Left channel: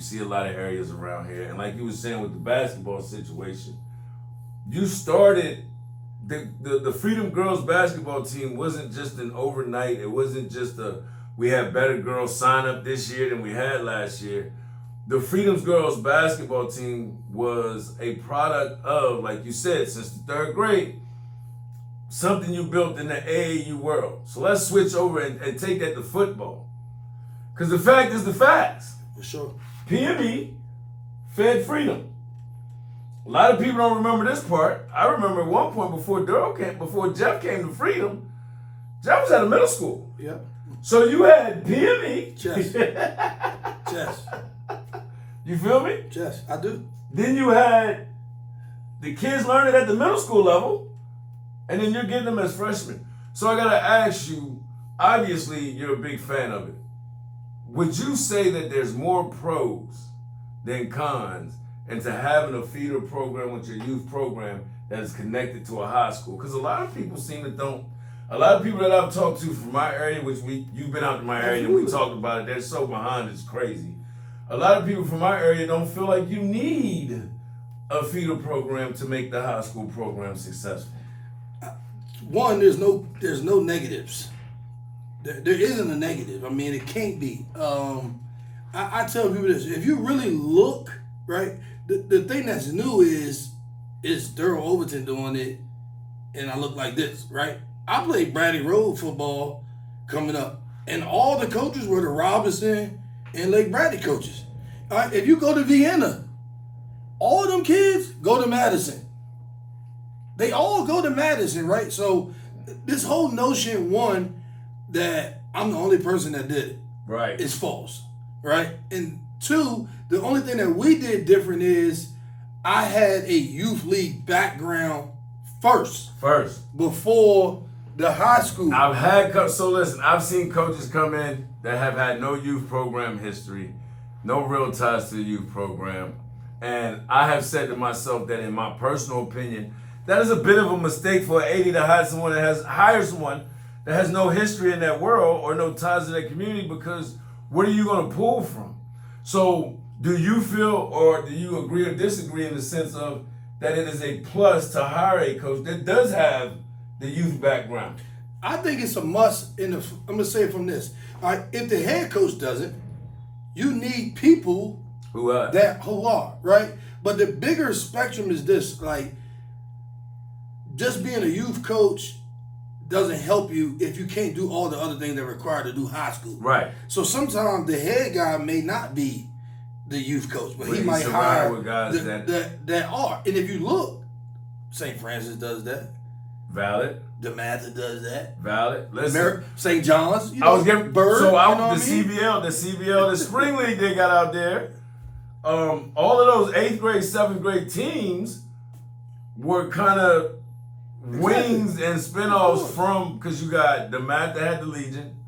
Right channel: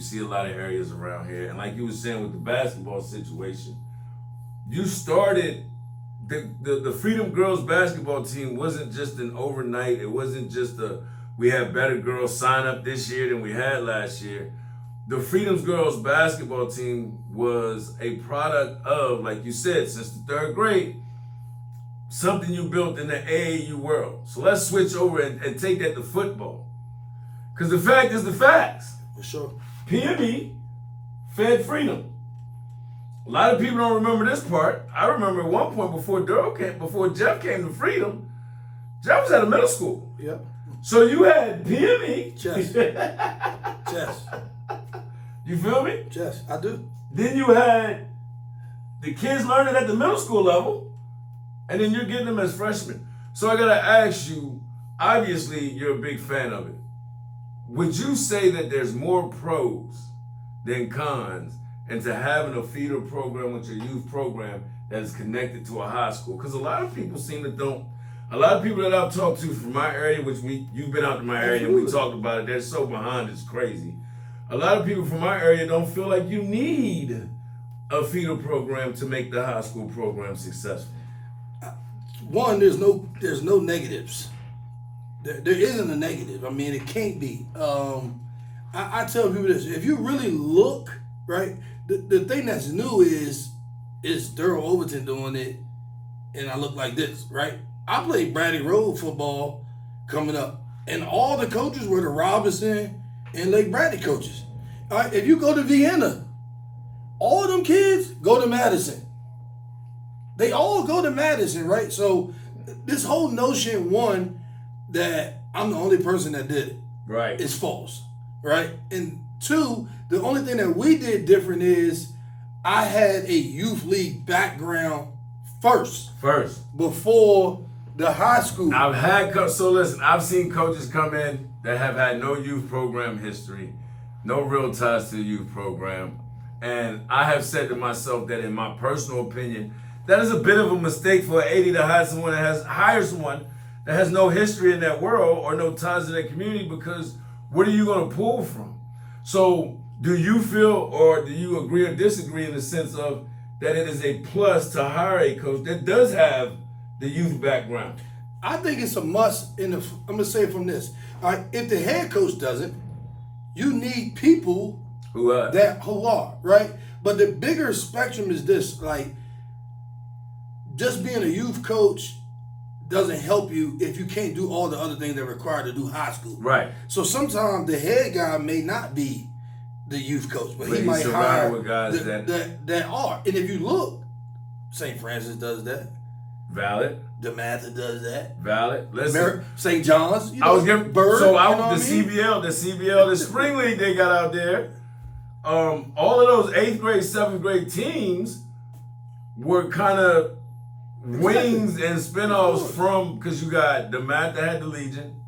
You see a lot of areas around here. And like you were saying with the basketball situation, you started the Freedom Girls basketball team wasn't just an overnight. It wasn't just we had better girls sign up this year than we had last year. The Freedom Girls basketball team was a product of, like you said, since the third grade, something you built in the AAU world. So let's switch over and take that to football. Because the fact is the facts. For sure. PME fed Freedom. A lot of people don't remember this part. I remember at one point before Jeff came to Freedom, Jeff was at a middle school. Yep. So you had PME. Chess. Chess. You feel me? Chess. I do. Then you had the kids learning at the middle school level, and then you're getting them as freshmen. So I gotta ask you, obviously you're a big fan of it. Would you say that there's more pros than cons into having a feeder program with your youth program that is connected to a high school? Because a lot of people seem to don't. A lot of people that I've talked to from my area, which you've been out to my area and we talked about it, they're so behind, it's crazy. A lot of people from my area don't feel like you need a feeder program to make the high school program successful. One, there's no negatives. There isn't a negative. I mean, it can't be. I tell people this: if you really look, right, the thing that's new is Darryl Overton doing it, and I look like this, right? I played Bradley Road football coming up, and all the coaches were the Robinson and Lake Bradley coaches. All right, if you go to Vienna, all of them kids go to Madison. They all go to Madison, right? So this whole notion, one, that I'm the only person that did it, right, is false, right? And two, the only thing that we did different is I had a youth league background first before the high school. I've seen coaches come in that have had no youth program history, no real ties to the youth program, and I have said to myself that in my personal opinion, that is a bit of a mistake for an AD to hire someone that has no history in that world or no ties to that community, because what are you going to pull from? So do you feel, or do you agree or disagree in the sense of that it is a plus to hire a coach that does have the youth background? I think it's a must. I'm going to say it from this. All right, if the head coach doesn't, you need people who are, right? But the bigger spectrum is this, like, just being a youth coach doesn't help you if you can't do all the other things that are required to do high school. Right. So sometimes the head guy may not be the youth coach, but he might hire guys that are. And if you look, St. Francis does that. Valid. DeMatha does that. Valid. Listen, St. John's. I was getting Bird. So I you know the CBL, the spring league they got out there. All of those 8th grade, 7th grade teams were kind of wings and spinoffs from, because you got DeMatha that had the Legion,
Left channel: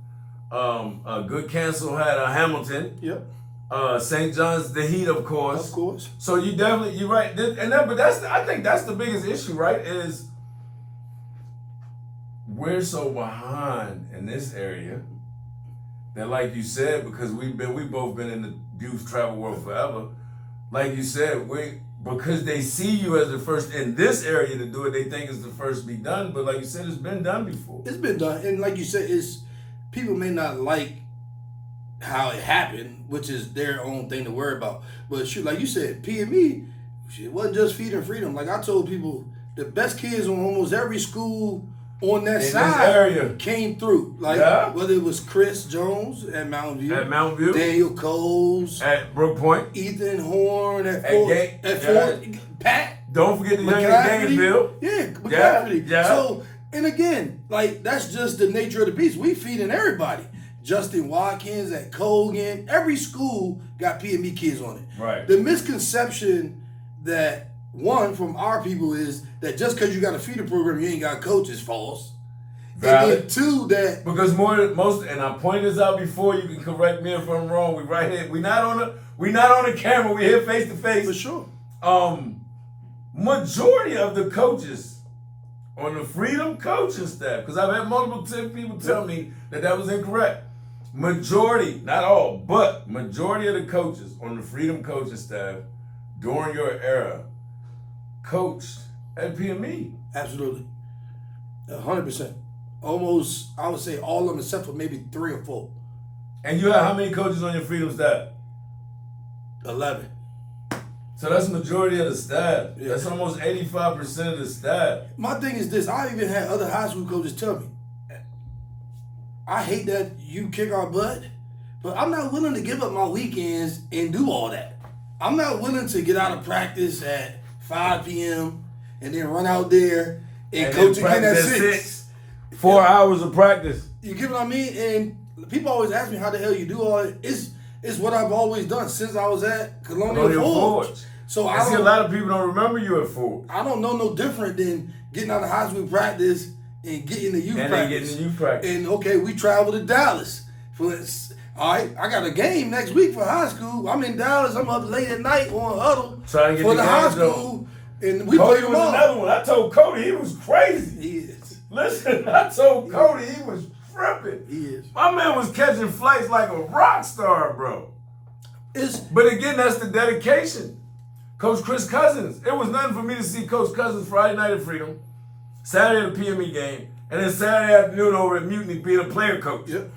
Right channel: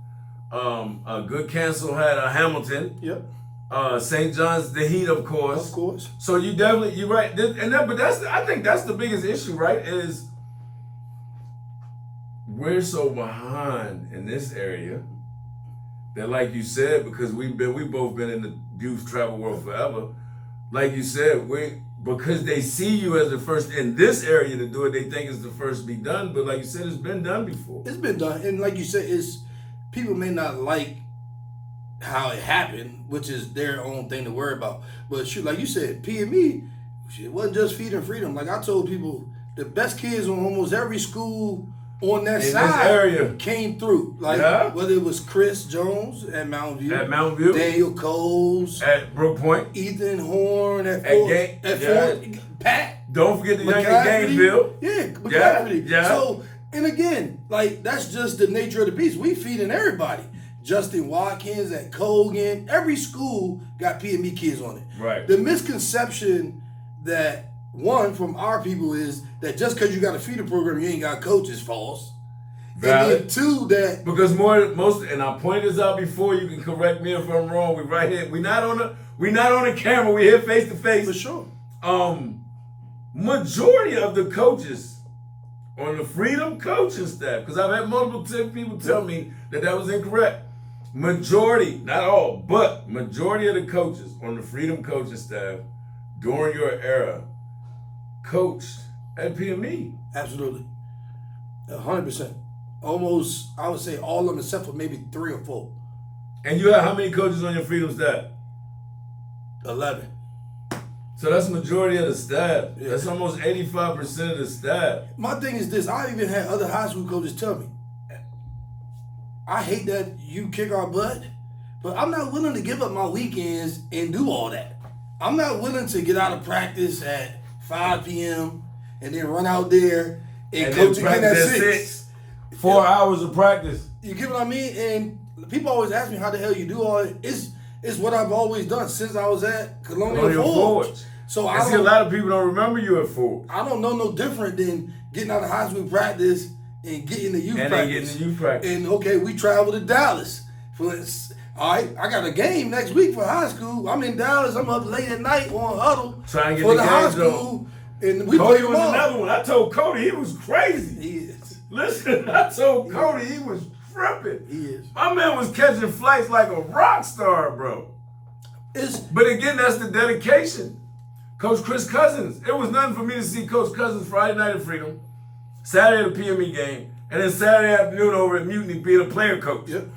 Good Cancel had a Hamilton. Yep. St. John's, the Heat, of course. Of course. So you're right. I think that's the biggest issue, right? Is we're so behind in this area that, like you said, because we've both been in the youth travel world forever. Like you said, because they see you as the first in this area to do it, they think it's the first to be done. But like you said, it's been done before. It's been done, and like you said, people may not like how it happened, which is their own thing to worry about. But shoot, like you said, PME, it wasn't just feeding freedom. Like I told people, the best kids on almost every school on that side came through. Like whether it was Chris Jones at Mountain View, Daniel Coles at Brook Point, Ethan Horn at Fort, Pat. Don't forget the young Gainesville. Yeah, McCaffrey. Yeah. So, and again, like that's just the nature of the beast. We feeding everybody. Justin Watkins at Colgan. Every school got PME kids on it. Right. The misconception that one from our people is that just because you got a feeder program, you ain't got coaches. False. Valid. And then two, that because most, and I pointed this out before. You can correct me if I'm wrong. We right here. We not on the camera. We here face to face. For sure. Majority of the coaches on the Freedom coaching staff, because I've had multiple people tell me that was incorrect. Majority, not all, but majority of the coaches on the Freedom coaching staff during your era coached at PME. Absolutely. 100%. Almost, I would say all of them except for maybe 3 or 4. And you have how many coaches on your Freedom staff? 11. So that's majority of the staff. Yeah. That's almost 85% of the staff. My thing is this. I even had other high school coaches tell me, I hate that you kick our butt, but I'm not willing to give up my weekends and do all that. I'm not willing to get out of practice at 5 p.m. and then run out there and coach again at 6. 4 hours of practice. You get what I mean? And people always ask me how the hell you do all it. It's what I've always done since I was at Colonial Forge. So I see a lot of people don't remember you at Forge. I don't know no different than getting out of high school practice and getting to youth practice. And okay, we travel to Dallas. All right, I got a game next week for high school. I'm in Dallas. I'm up late at night on huddle trying to get for the high school. And we Cody play was them all. Another one. I told Cody he was crazy. He is. Listen, I told Cody he was tripping. He is. My man was catching flights like a rock star, bro. But again, that's the dedication. Coach Chris Cousins. It was nothing for me to see Coach Cousins Friday night at Freedom, Saturday at the PME game, and then Saturday afternoon over at Mutiny being a player coach. Yep.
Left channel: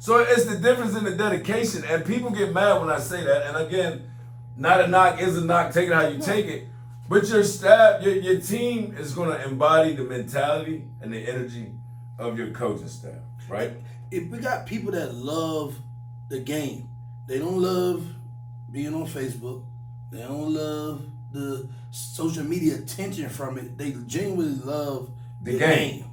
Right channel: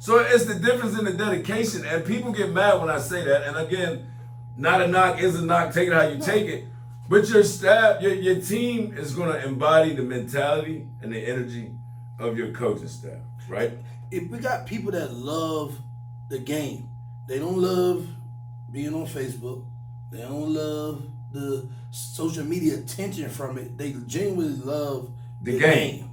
So it's the difference in the dedication, and people get mad when I say that. And again, not a knock is a knock. Take it how you take it. But your staff, your team is going to embody the mentality and the energy of your coaching staff, right? If we got people that love the game, they don't love being on Facebook. They don't love the social media attention from it. They genuinely love the game.